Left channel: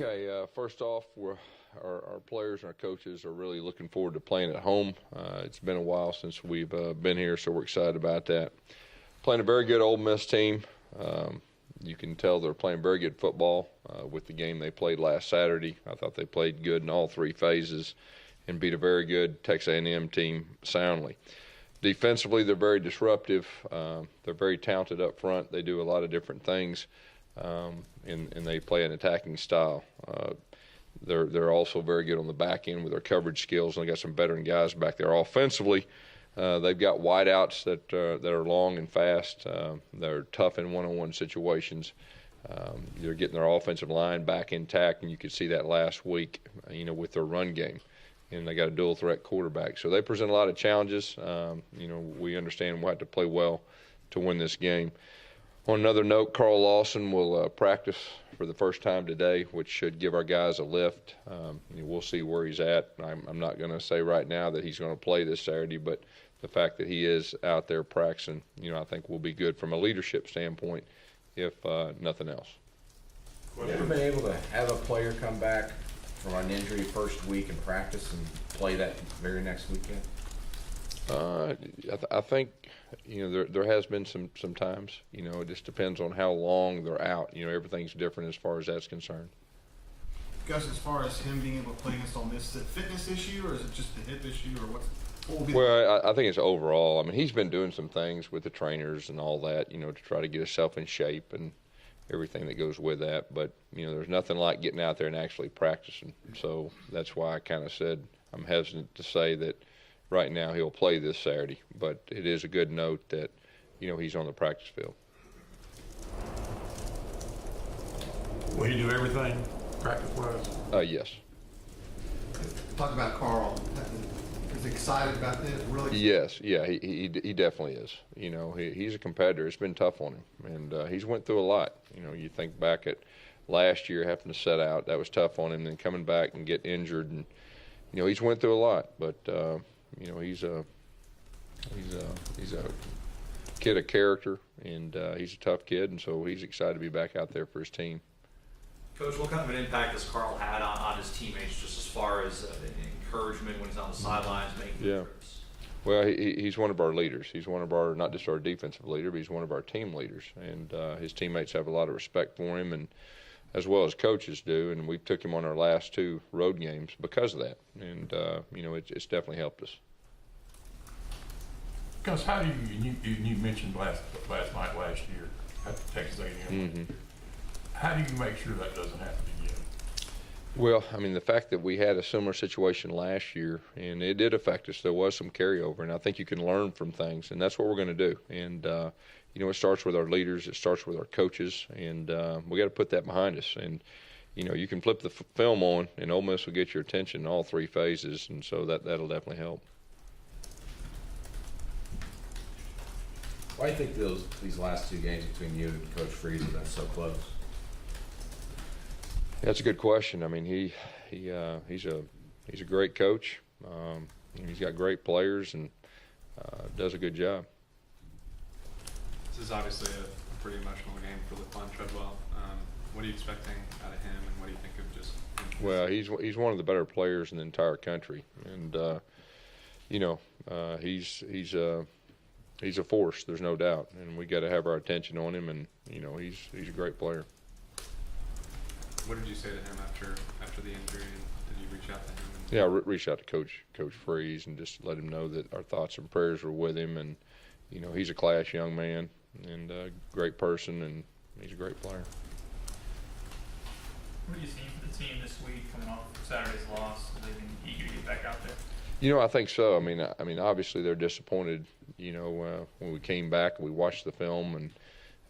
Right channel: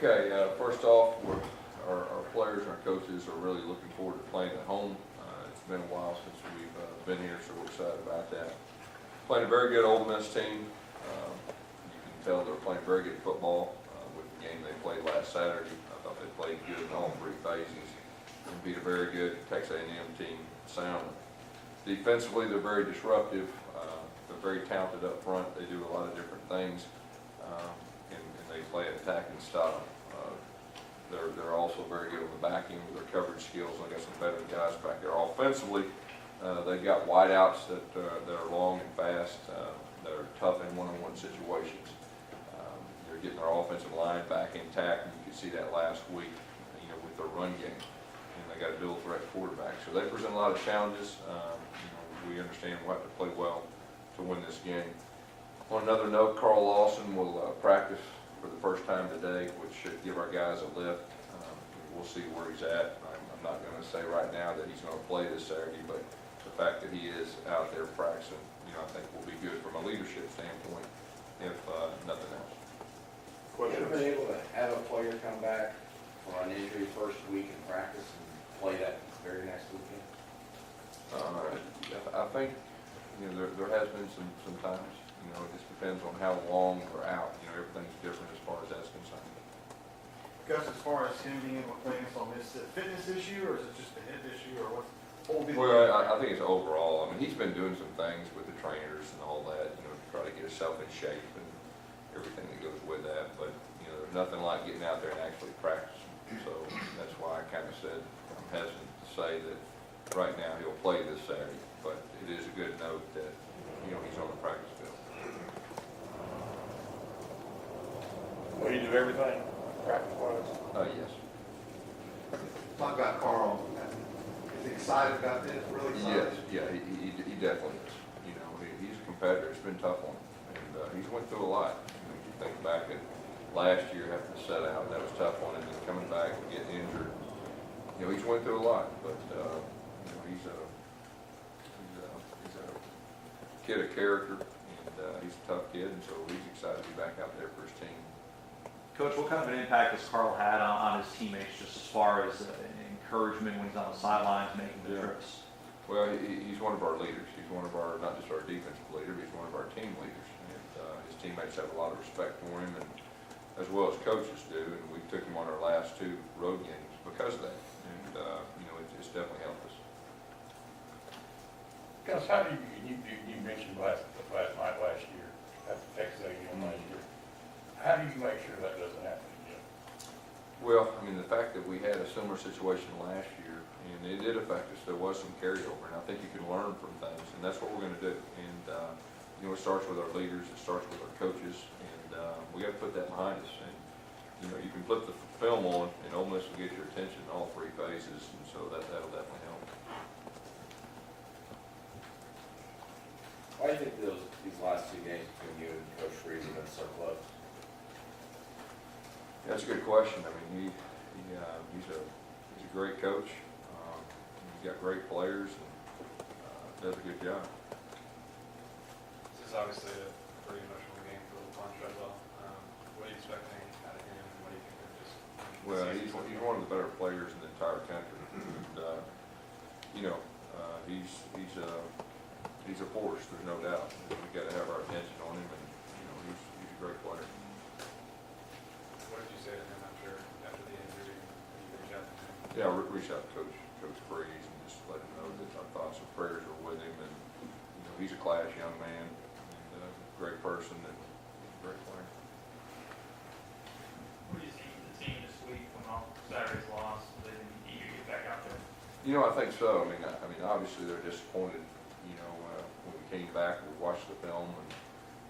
Okay, first off, our players and our coaches are really looking forward to playing at home. It's been a while since we've been here, so we're excited about that. Playing a very good Ole Miss team. You can tell they're playing very good football with the game they played last Saturday. I thought they played good in all three phases and beat a very good Texas A&M team soundly. Defensively, they're very disruptive. They're very talented up front. They do a lot of different things. And they play an attacking style. They're also very good on the back end with their coverage skills, and they got some veteran guys back there. Offensively, they've got wideouts that are long and fast. They're tough in one-on-one situations. They're getting their offensive line back intact, and you could see that last week, with their run game. And they got a dual threat quarterback, so they present a lot of challenges. We understand we'll have to play well to win this game. On another note, Carl Lawson will practice for the first time today, which should give our guys a lift. We'll see where he's at. I'm not going to say right now that he's going to play this Saturday, but the fact that he is out there practicing, I think will be good from a leadership standpoint, if nothing else. Have you ever been able to have a player come back from an injury first week and practice and play that very next weekend? I think there has been some times. It just depends on how long they're out. Everything's different as far as that's concerned. Gus, as far as him being able to play against Ole Miss, is it a fitness issue or is it just a hip issue or what will be? Well, I think it's overall. I mean, he's been doing some things with the trainers and all that, to try to get himself in shape and everything that goes with that. But there's nothing like getting out there and actually practicing. So that's why I kind of said I'm hesitant to say that right now he'll play this Saturday. But it is a good note that he's on the practice field. Will he do everything practice-wise? Yes. Talk about Carl. Is he excited about this? Really excited? Yes. Yeah. He definitely is. He's a competitor. It's been tough on him, and he's went through a lot. You think back at last year having to set out. That was tough on him, and coming back and getting injured, and he's went through a lot. But he's a kid of character, and he's a tough kid, and so he's excited to be back out there for his team. Coach, what kind of an impact has Carl had on his teammates, just as far as encouragement when he's on the sidelines making trips? Well, he's one of our leaders. He's one of our, not just our defensive leader, but he's one of our team leaders. And his teammates have a lot of respect for him, and as well as coaches do. And we took him on our last two road games because of that. And it's definitely helped us. Gus, how do you mentioned last year at Texas A&M last year. How do you make sure that doesn't happen again? Well, I mean, the fact that we had a similar situation last year, and it did affect us. There was some carryover, and I think you can learn from things, and that's what we're going to do. And it starts with our leaders, it starts with our coaches, and we got to put that behind us. And you can flip the film on, and Ole Miss will get your attention in all three phases, and so that'll definitely help. Why do you think these last two games between you and Coach Freeze have been so close? That's a good question. I mean, he's a great coach. He's got great players and does a good job. This is obviously a pretty emotional game for LaQuan Treadwell. What are you expecting out of him, and what do you think of just him? Well, he's one of the better players in the entire country, and he's a force. There's no doubt, and we got to have our attention on him. And he's a great player. What did you say to him after the injury? Did you reach out to him? Yeah, I reached out to Coach Freeze and just let him know that our thoughts and prayers were with him, and he's a class young man and a great person, and he's a great player. What do you see for the team this week coming off Saturday's loss? Have they been eager to get back out there? I think so. I mean, obviously they're disappointed. When we came back, we watched the film,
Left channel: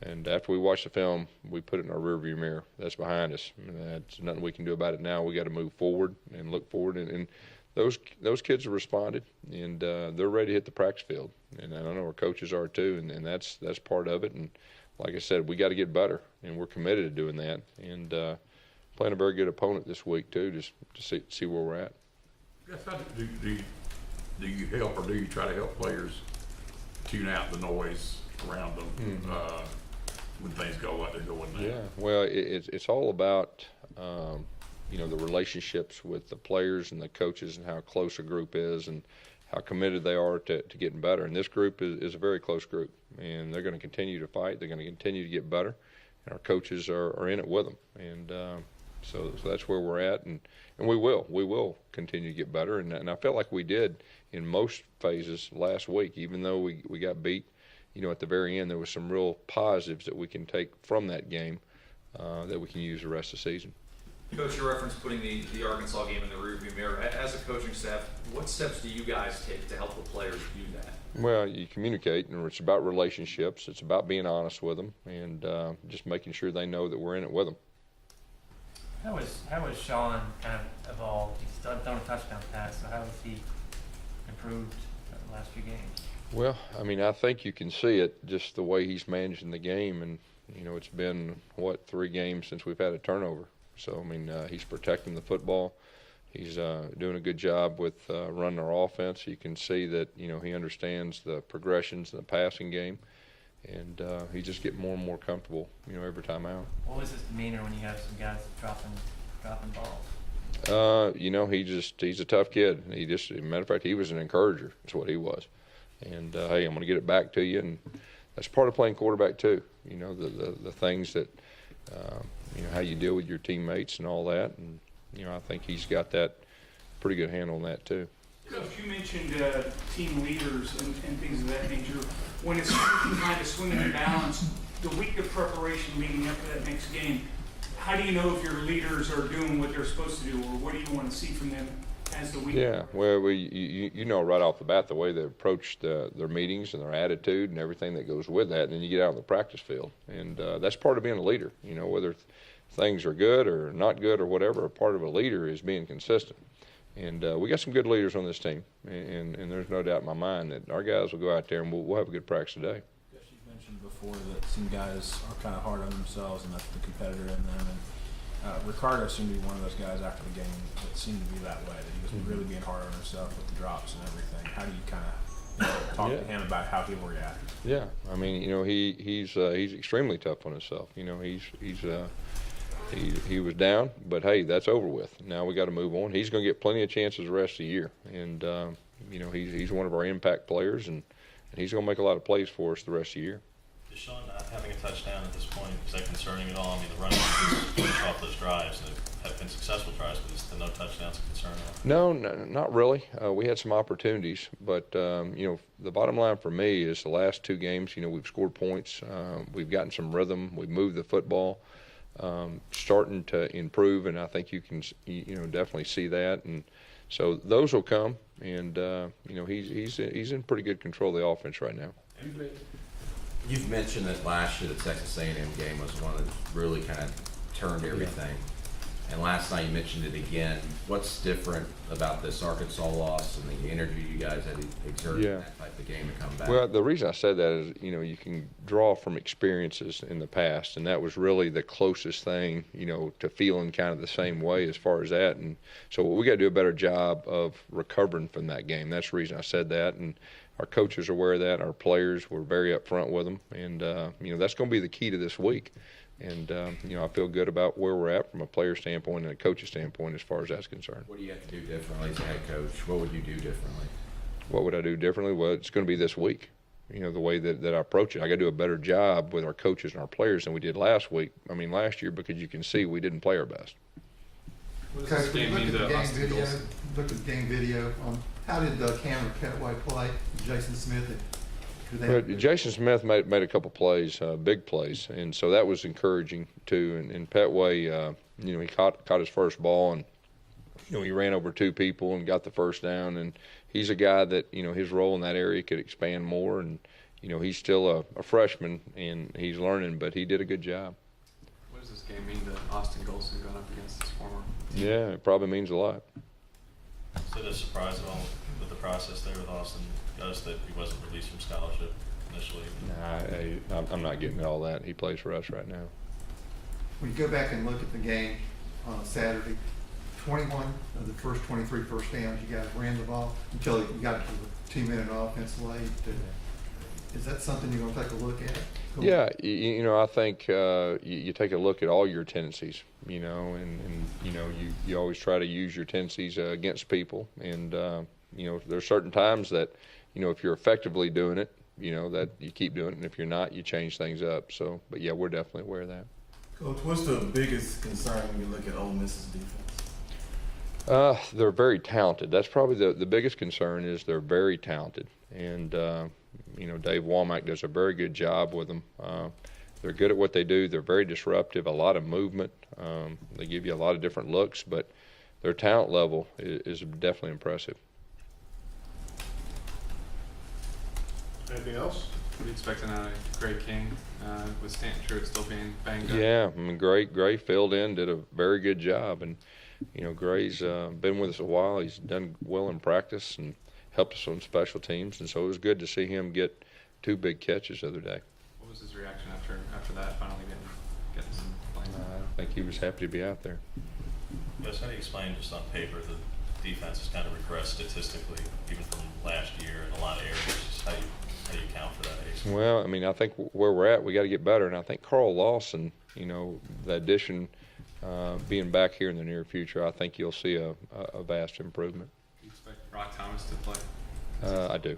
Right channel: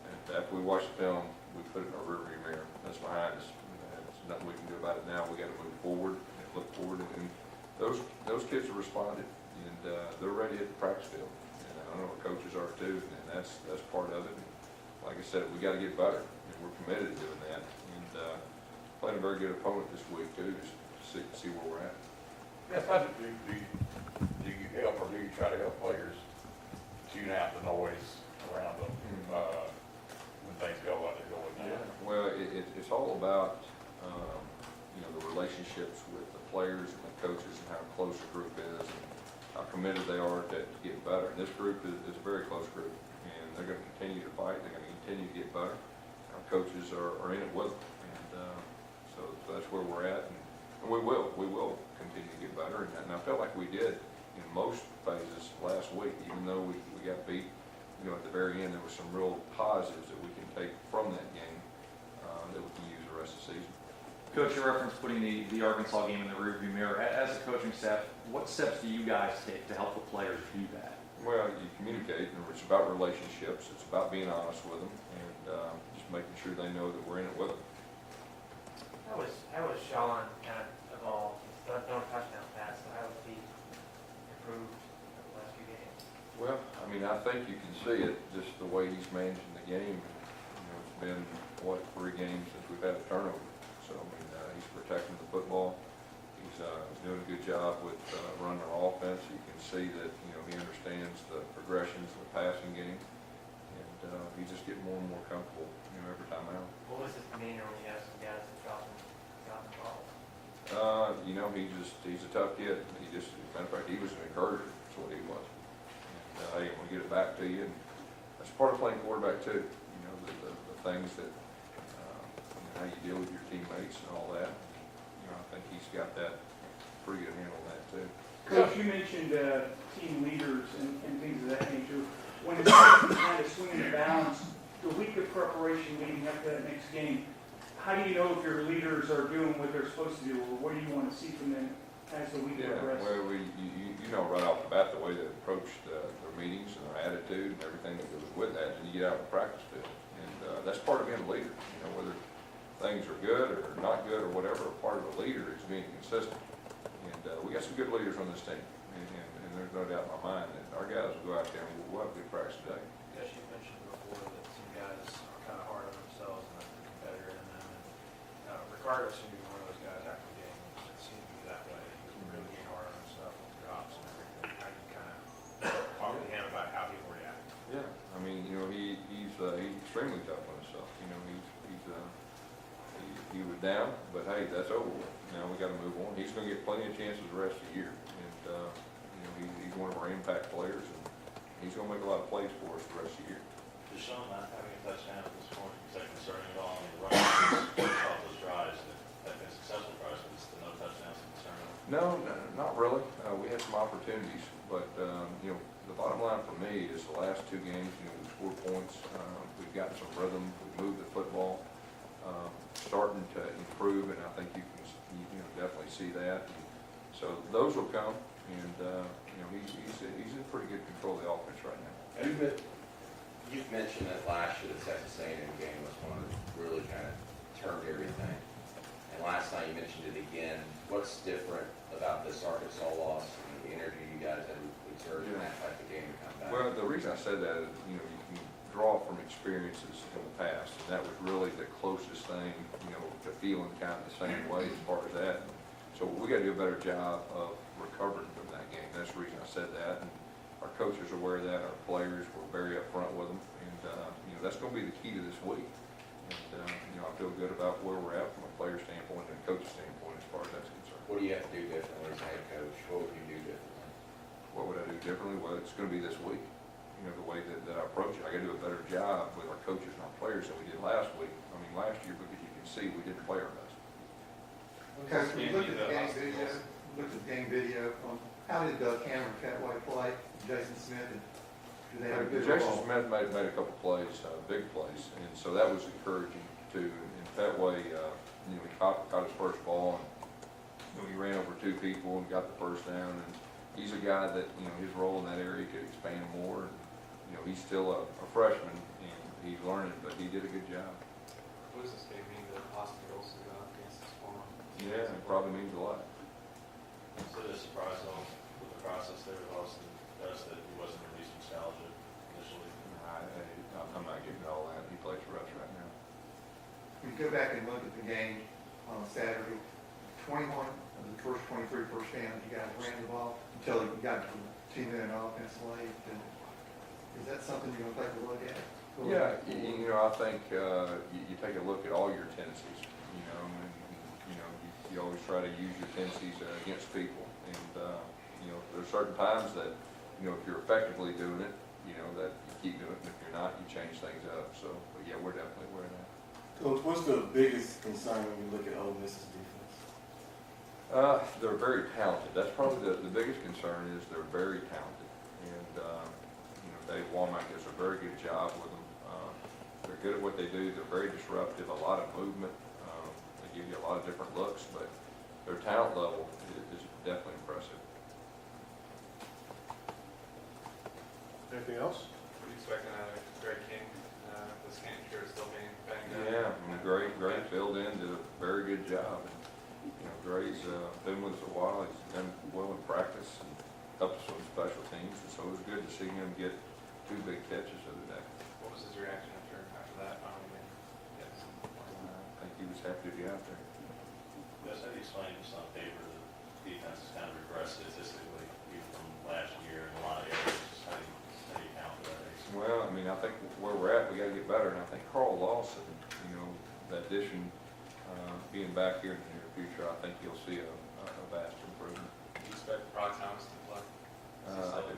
and after we watched the film, we put it in our rearview mirror. That's behind us. There's nothing we can do about it now. We got to move forward and look forward. And those kids have responded, and they're ready to hit the practice field. And I know our coaches are too, and that's part of it. And like I said, we got to get better, and we're committed to doing that. And playing a very good opponent this week too, just to see where we're at. Yes, do you help, or do you try to help players tune out the noise around them when things go like they're going now? Yeah, well, it's all about you know, the relationships with the players and the coaches and how close a group is and how committed they are to getting better. And this group is a very close group, and they're going to continue to fight. They're going to continue to get better, and our coaches are in it with them. And so that's where we're at, and we will continue to get better. And I felt like we did in most phases last week, even though we got beat. You know, at the very end, there was some real positives that we can take from that game that we can use the rest of the season. Coach, you referenced putting the Arkansas game in the rearview mirror. As a coaching staff, what steps do you guys take to help the players do that? Well, you communicate, and it's about relationships. It's about being honest with them, and just making sure they know that we're in it with them. How was Sean kind of evolved? He's still thrown a touchdown pass, so how has he improved the last few games? Well, I mean, I think you can see it just the way he's managing the game, and you know, it's been 3 games since we've had a turnover. So I mean, he's protecting the football. He's doing a good job with running our offense. You can see that, you know, he understands the progressions in the passing game, and he's just getting more and more comfortable, you know, every time out. What was his demeanor when you have some guys dropping balls? You know, he's a tough kid. As a matter of fact, he was an encourager. That's what he was. And hey, I'm going to get it back to you, and that's part of playing quarterback too. You know, the things that you know, how you deal with your teammates and all that. And, you know, I think he's got that pretty good handle on that too. Coach, you mentioned team leaders and things of that nature. When it's kind of swinging the balance, the week of preparation leading up to that next game, how do you know if your leaders are doing what they're supposed to do, or what do you want to see from them as the week progresses? Well, you know right off the bat the way they approach their meetings and their attitude and everything that goes with that, and then you get out on the practice field. And that's part of being a leader. You know, whether things are good or not good or whatever, a part of a leader is being consistent. And we got some good leaders on this team, and there's no doubt in my mind that our guys will go out there and we'll have a good practice today. As you mentioned before, that some guys are kind of hard on themselves, and that's the competitor in them. And Ricardo seemed to be one of those guys after the game that seemed to be that way. That he was really being hard on himself with the drops and everything. How do you kind of talk to him about how he will react? Yeah, I mean, you know, he's extremely tough on himself. You know, he was down, but hey, that's over with. Now we got to move on. He's going to get plenty of chances the rest of the year, and you know, he's one of our impact players, and he's going to make a lot of plays for us the rest of the year. Is Sean not having a touchdown at this point, is that concerning at all? I mean, the running backs off those drives have been successful drives, but is the no touchdowns a concern at all? No, not really. We had some opportunities, but you know, the bottom line for me is the last 2 games. You know, we've scored points. We've gotten some rhythm. We've moved the football. Starting to improve, and I think you can, you know, definitely see that, and so those will come, and you know, he's in pretty good control of the offense right now. You've mentioned that last year the Texas A&M game was one that really kind of turned everything, and last night you mentioned it again. What's different about this Arkansas loss and the energy you guys had exerted in that type of game to come back? Well, the reason I said that is, you know, you can draw from experiences in the past, and that was really the closest thing, you know, to feeling kind of the same way as far as that. And so we got to do a better job of recovering from that game. That's the reason I said that, and our coaches are aware of that. Our players were very upfront with them, and you know, that's going to be the key to this week. And you know, I feel good about where we're at from a player standpoint and a coach's standpoint as far as that's concerned. What do you have to do differently as a head coach? What would you do differently? What would I do differently? Well, it's going to be this week. You know, the way that I approach it. I got to do a better job with our coaches and our players than we did last year, because you can see we didn't play our best. What does this game mean to Austin Golson? Look at the game video. How did Cameron Petway play? Jason Smith? Jason Smith made a couple plays, big plays, and so that was encouraging too. And Petway, you know, he caught his first ball, and you know, he ran over 2 people and got the first down. And he's a guy that, you know, his role in that area could expand more. And you know, he's still a freshman and he's learning, but he did a good job. What does this game mean to Austin Golson going up against his former? Yeah, it probably means a lot. So the surprise at all with the process there with Austin Gus that he wasn't released from scholarship initially? I'm not getting all that. He plays for us right now. When you go back and look at the game on Saturday, 21 of the first 23 first downs, you guys ran the ball until you got to the 2-minute offense late. Is that something you're going to take a look at? Yeah, you know, I think you take a look at all your tendencies, you know, and you know, you always try to use your tendencies against people. And, there's certain times that, if you're effectively doing it, that you keep doing it. And if you're not, you change things up. So, but yeah, we're definitely aware of that. Coach, what's the biggest concern when you look at Ole Miss's defense? They're very talented. That's probably the biggest concern is they're very talented. And, Dave Womack does a very good job with them. They're good at what they do. They're very disruptive, a lot of movement. They give you a lot of different looks, but their talent level is definitely impressive. Anything else? What are you expecting out of Greg King, with Stanton Truitt still being banged up? Yeah, I mean, Gray filled in, did a very good job. And, Gray's been with us a while. He's done well in practice and helped us on special teams. And so it was good to see him get 2 big catches the other day. What was his reaction after that, finally getting some playing? I think he was happy to be out there. Gus, how do you explain just on paper the defense has kind of regressed statistically, even from last year in a lot of areas? Just how do you account for that? Well, I mean, I think where we're at, we got to get better. And I think Carl Lawson, the addition, being back here in the near future, I think you'll see a vast improvement. Do you expect Rock Thomas to play? I do.